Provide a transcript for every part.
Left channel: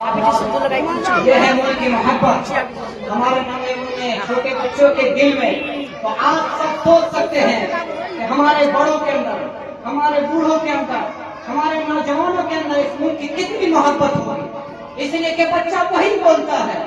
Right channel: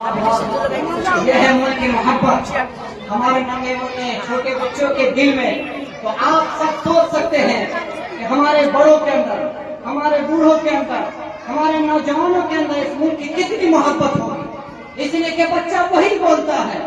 ये है मुल्क की मोहब्बत हमारे नन्हे मुन्ने छोटे बच्चों के दिल में। तो आप सब सोच सकते हैं कि हमारे बड़ों के अंदर, हमारे बूढ़ों के अंदर, हमारे नौजवानों के अंदर इस मुल्क की कितनी मोहब्बत होगी। इसलिए कि बच्चा वही बोलता है,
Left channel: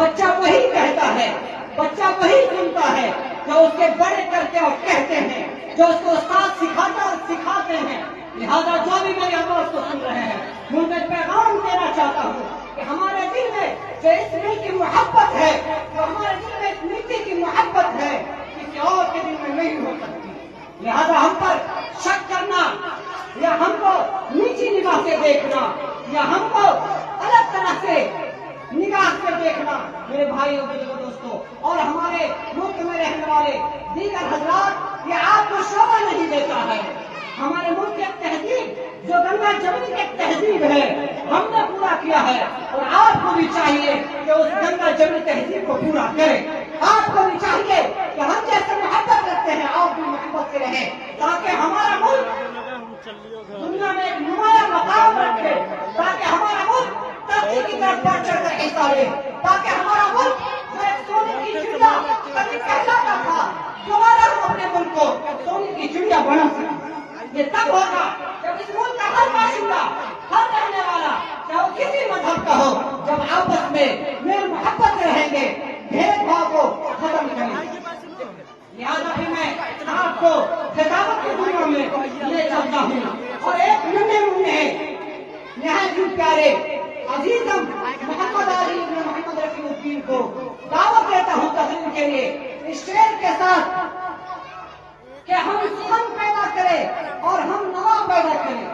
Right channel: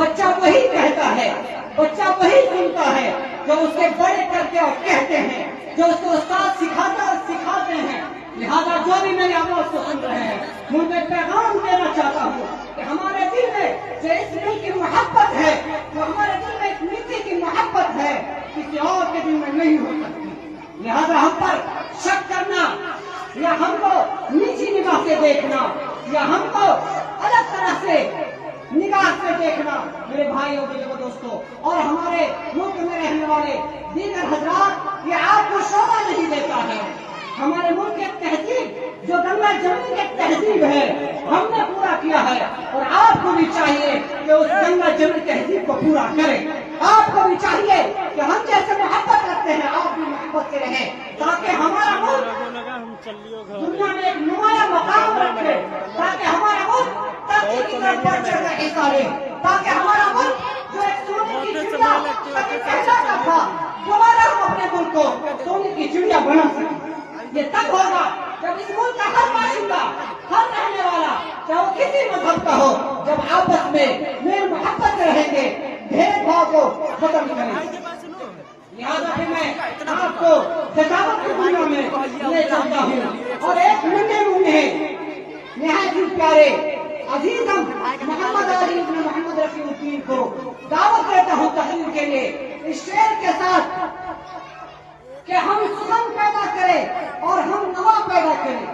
बच्चा वही कहता है, बच्चा वही सुनता है जो उसके बड़े करते और कहते हैं, जो उसको उस्ताद सिखाता और सिखाते हैं। लिहाजा जो भी मेरी आवाज को सुन रहे हैं, मुझे पैगाम देना चाहता हूँ कि हमारे दिल में जो इस मुल्क की मोहब्बत है, जो हमारे दिल में इस नीति की मोहब्बत है, किसी और के दिल में नहीं हो सकती। लिहाजा हम पर शक करना या हमको नीची निगाह से देखना या हमको अलग तरह से निगाह से देखना, मेरे भाइयों बुजुर्गों दोस्तों और हमारे मुल्क में रहने वाले दीगर हजरात, ये आपको शोभा नहीं देता है। हमारे मुल्क की तहजीब जो गंगा जमुनी की तहजीब है, हमने पूरा किया है और आपको भी चाहिए कि उस गंगा जमुनी तहजीब को पूरा करें। आपको भी चाहिए कि हम जैसे मोहब्बत रखते हैं आप भी मोहब्बत से रहें, ताकि हमारा मुल्क दुनिया में एक नुमाया मकाम रखे, ताकि हमारा मुल्क तरक्की की तरफ बढ़ चढ़कर हिस्सा ले, ताकि हमारा मुल्क जो एक सोने की चिड़िया कभी कहलाता था, दोबारा हम अपने मुल्क को सोने की चिड़िया बना सकें। ये तब होगा जब इस मुल्क का हर बाशिंदा, हर रहने वाला, चाहे वो किसी मजहब का हो, जब आपस में मेल मोहब्बत से रहेंगे, भेदभाव को खत्म करेंगे। लिहाजा फिर मैं आपको खिताबत की दुनिया में ले चलता हूँ और एक नन्हे मुन्ने निहायत ही प्यारे अजीज हम मोहम्मद अली इब्न मोहम्मद रफीउद्दीन को दावत देता हूँ तकरीर के लिए इस शेर के साथ कि हम सुखम पैदा करें और हम नवा पैदा करें,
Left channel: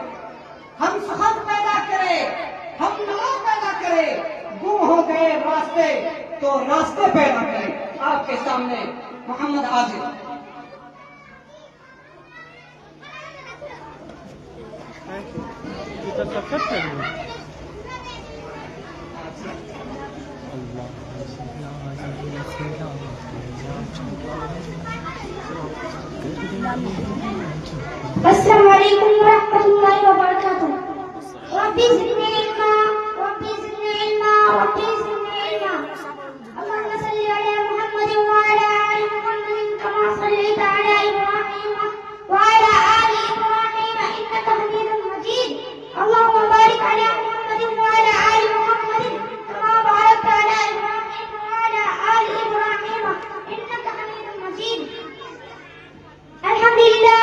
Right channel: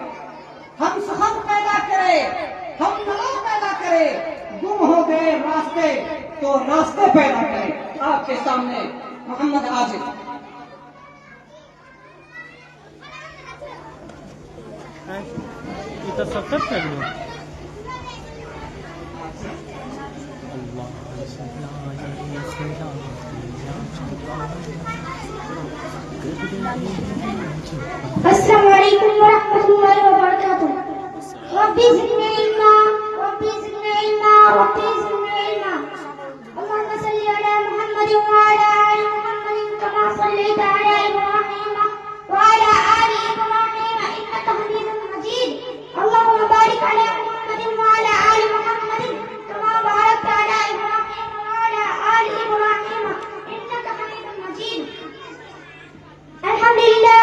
हम सुखम पैदा करें, हम नवा पैदा करें, गुम हो गए रास्ते तो रास्ते पैदा करें। आपके सामने मोहम्मद आजिज। अस्सलामु अलैकुम वरहमतुल्लाहि वबरकातुह। रब्बी ज़िदनी इल्मा, रब्बी ज़िदनी इल्मा, रब्बी ज़िदनी इल्मा। अल्लाहुम्मा सल्लि अला मुहम्मदिन व अला आलि मुहम्मदिन कमा सल्लैता अला इब्राहीम व अला आलि इब्राहीम इन्नका हमीदुम मजीद। अल्लाहुम्मा बारिक अला मुहम्मदिन व अला आलि मुहम्मदिन कमा बारकता अला इब्राहीम व अला आलि इब्राहीम इन्नका हमीदुम मजीद। अल्हम्दुलिल्लाह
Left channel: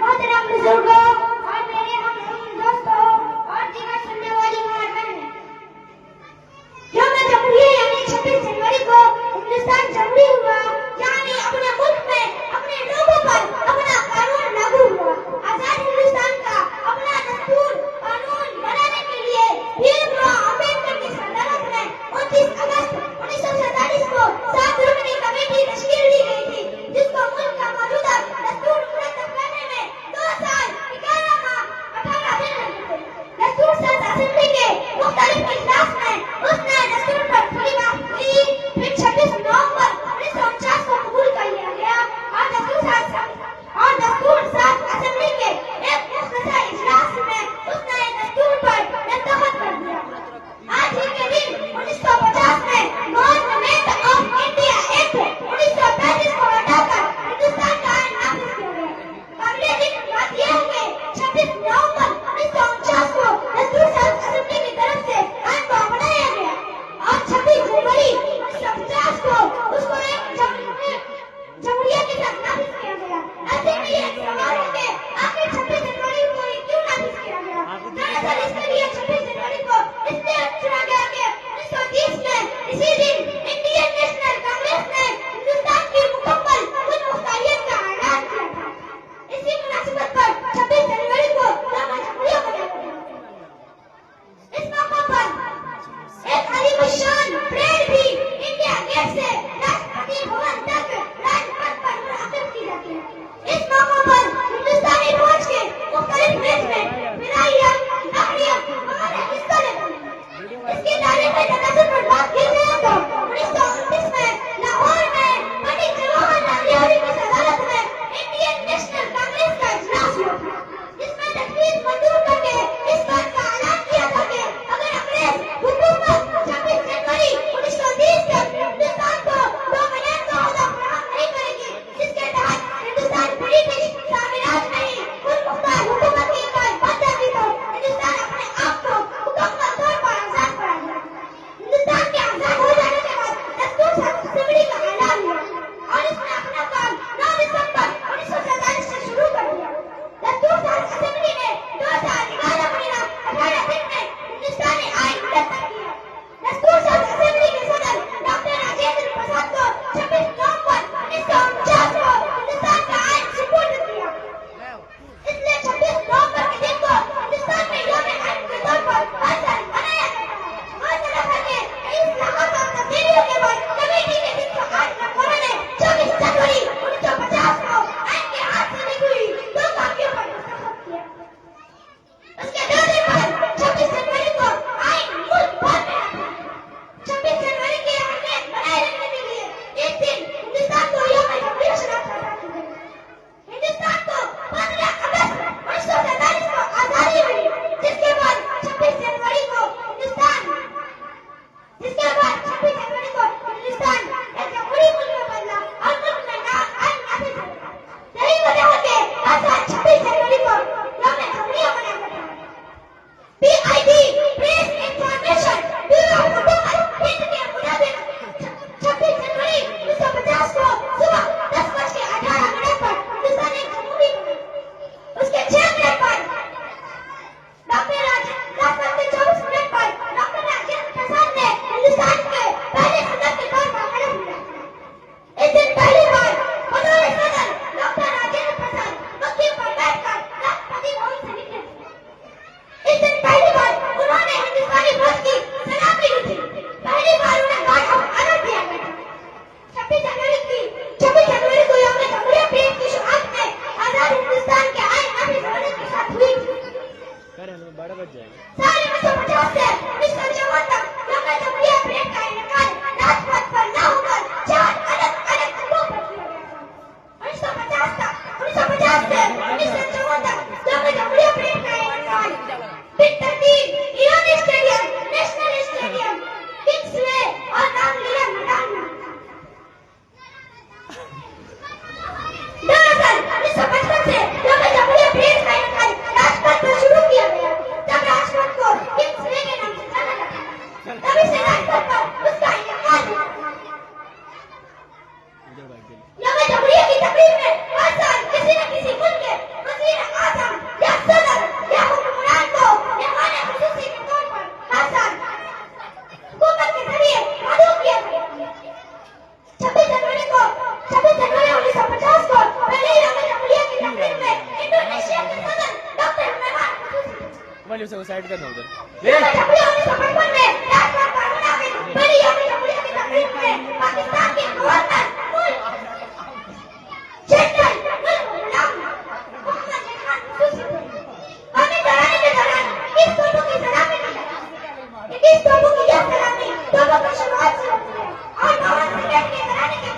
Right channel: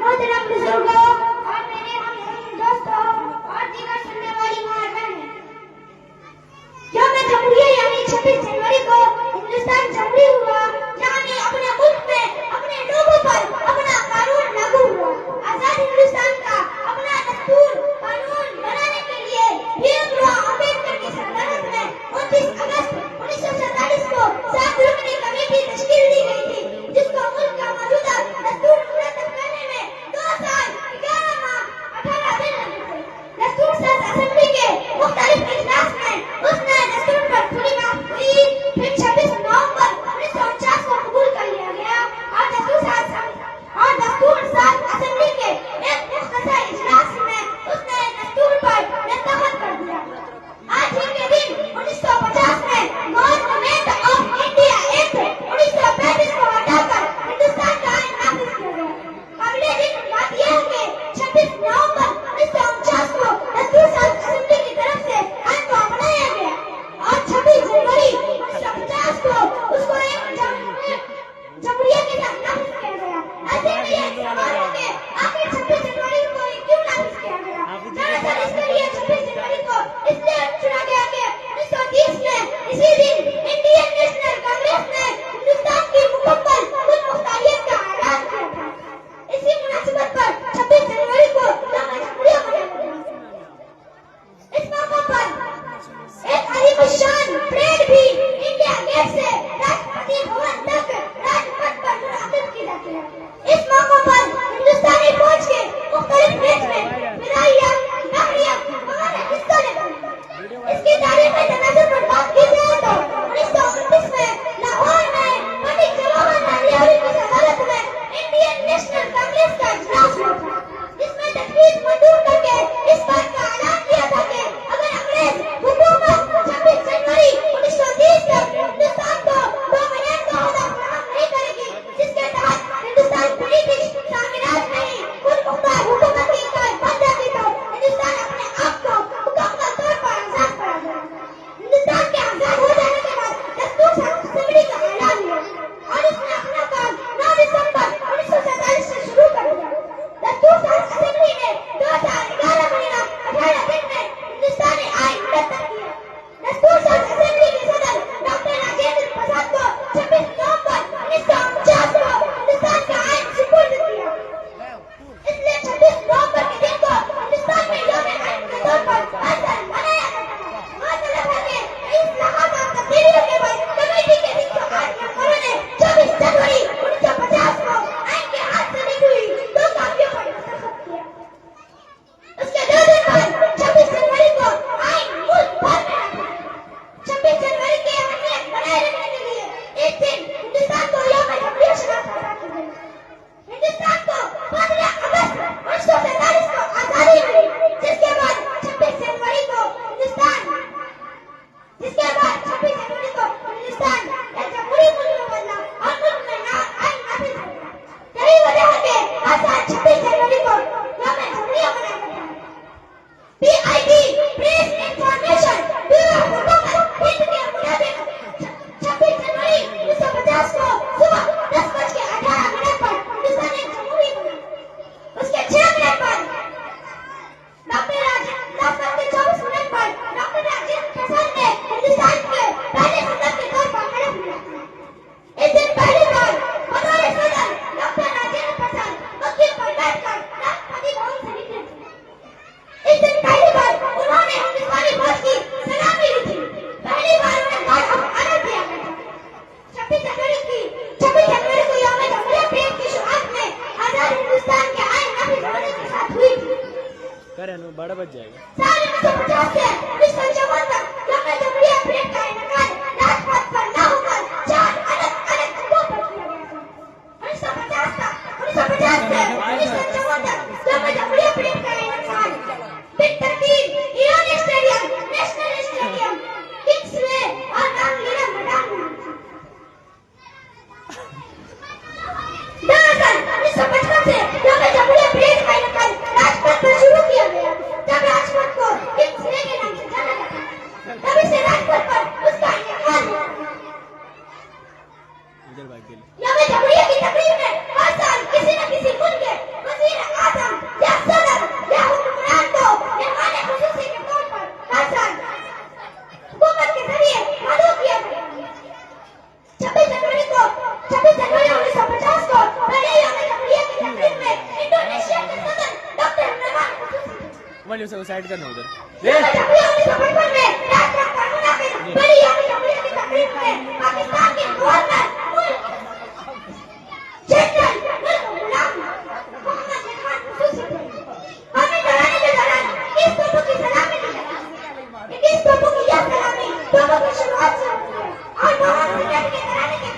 मोहतरम बुजुर्गों और मेरे हम दोस्तों और दीगर सुनने वाली माँ बहन, यौम जमहूरिया यानी 26 जनवरी को हिंदुस्तान जमहूरी हुआ, यानी अपने मुल्क में अपने लोगों पर अपना कानून लागू हुआ। आजाद हिंदुस्तान का अपना दस्तूर कानून बनाने के लिए भीमराव अम्बेडकर की सल्तनत में 29 अगस्त 1947 को 7 रुकनी कमेटी तश्कील दी गई थी, जिसको मुल्क का मौजूदा दस्तूर मुरतब करने में 2 साल 11 माह 18 दिन लगे थे। दस्तूर साज असेंबली के मुख्तलिफ इजलास में उस नए दस्तूर पर पूरी बात हुई। फिर 26 नवंबर 1949 को कबूल कर लिया गया और दस्तूर जिसके बाद 26 जनवरी को हिंदुस्तान एक जमहूरी मुल्क में बदला और मुल्क में आईन नाफिज हो गया। यही वजह है कि आज 26 जनवरी को यौम जमहूरियत मनाया जाता है। PIB प्रेस इंफॉर्मेशन ब्यूरो हुकूमत हिंद के मुताबिक 26 जनवरी 1950 को सुबह 10:18 पर हिंदुस्तान एक जमहूरी बना। उसके 6 मिनट बाद डॉक्टर राजेंद्र पर डॉक्टर राजेंद्र प्रसाद ने हिंदुस्तान के पहले सदन के तौर पर खड़ा किया। इस दिन पहली बार बतौर सदन डॉक्टर राजेंद्र प्रसाद वकील पर बैठकर राष्ट्रपति भवन से निकले थे। इस दिन पहली बार उन्होंने हिंदुस्तानी ध्वज की सलामी ली थी। पहली बार उन्हें गार्ड ऑफ ऑनर दिया गया था। 26 जनवरी को यौम जमहूरियत परेड की शुरुआत में आजाद हिंदुस्तान के आईन नाफिज होने के साथ हुई थी। करें बड़ा बच जाएगा। साल 1950 से 1954 तक यौम जमहूरियत परेड का इनेकाद राजपथ पर न होकर 4 अलग-अलग जगहों पर किया गया था। 1950 से 1954 तक यौम जमहूरियत परेड का इनेकाद बिग तरतीब ईरानी स्टेडियम, नेशनल स्टेडियम, किंग्सवे और रामलीला मैदान में हुआ था। दरअसल 1955 से यौम जमहूरियत परेड का इनेकाद राजपथ पर शुरू किया गया, जब राजपथ को किंग्सवे के नाम से जाना जाता है। तभी से राजपथ पर उसका इनेकाद हुआ। इधर बात के लिए यौम जमहूरियत की तकरीब में हर साल किसी न किसी मुल्क के वजीर आजम या सदर या हुक्मरान को मेहमान खुसूसी के तौर पर हर साल हुकूमत के जरिए मदऊ किया गया। 26 जनवरी 1950 को पहले यौम जमहूरियत की तकरीब में इंडोनेशिया के सदर डॉक्टर मेहमान खुसूसी थे। मैंने उसे साइड करना उधर यौम जमहूरियत 1955 में राजपथ पर मुनाफिज पहली यौम जमहूरियत की तकरीब में पाकिस्तान के गवर्नर जनरल मुल्क गुलाम मोहम्मद खान खुसूसी थे। हमें डराने के दौरान इस तोपों की सलामी दी जाती है। इस तोपों की यह सलामी तोपों की शुरुआत से होती है और 9 सेकंड के कराने के